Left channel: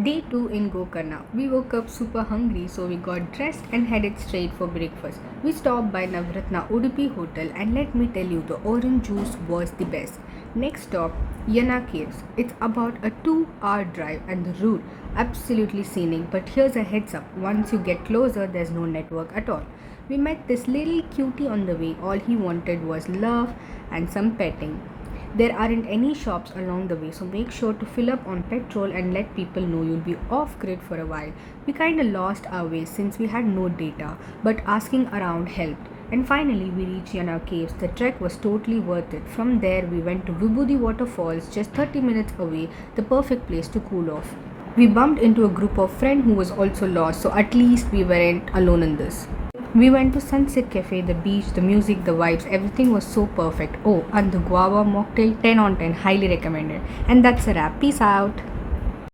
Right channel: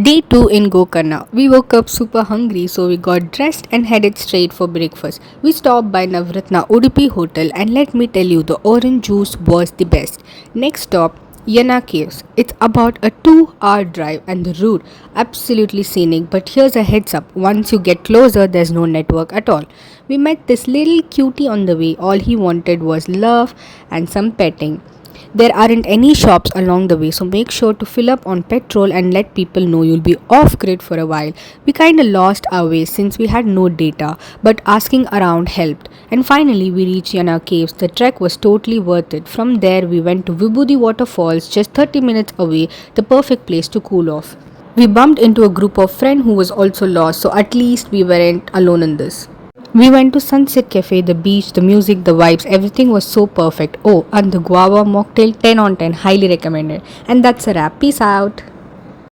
Day 2 in Gokarna. We woke up super hungry, so we got dressed and headed straight for breakfast. We stopped by Navratna Udupi Hotel, and let me tell you, the orange juice was the best. Next stop, Yana Caves. It's about a 2-hour drive, and the route absolutely scenic. But here's a heads up: once you get closer, there's no network at all. We met this little cutie on the way. All he wanted was love and some petting. There aren't any shops along the way, so make sure to fill up on petrol and let people know you'll be off grid for a while. We kinda lost our way since we had no data, but asking around helped. And finally, we reached Yana Caves. The trek was totally worth it. From there, we went to Vibhuti Waterfalls, just 30 minutes away, the perfect place to cool off. We bumped into a group of friends who was also lost, so at least we weren't alone in this. We went to Sunset Cafe, the beach, the music, the vibes, everything was so perfect. Oh, and the guava mocktail 10 on 10, highly recommended. And that's a wrap. Peace out.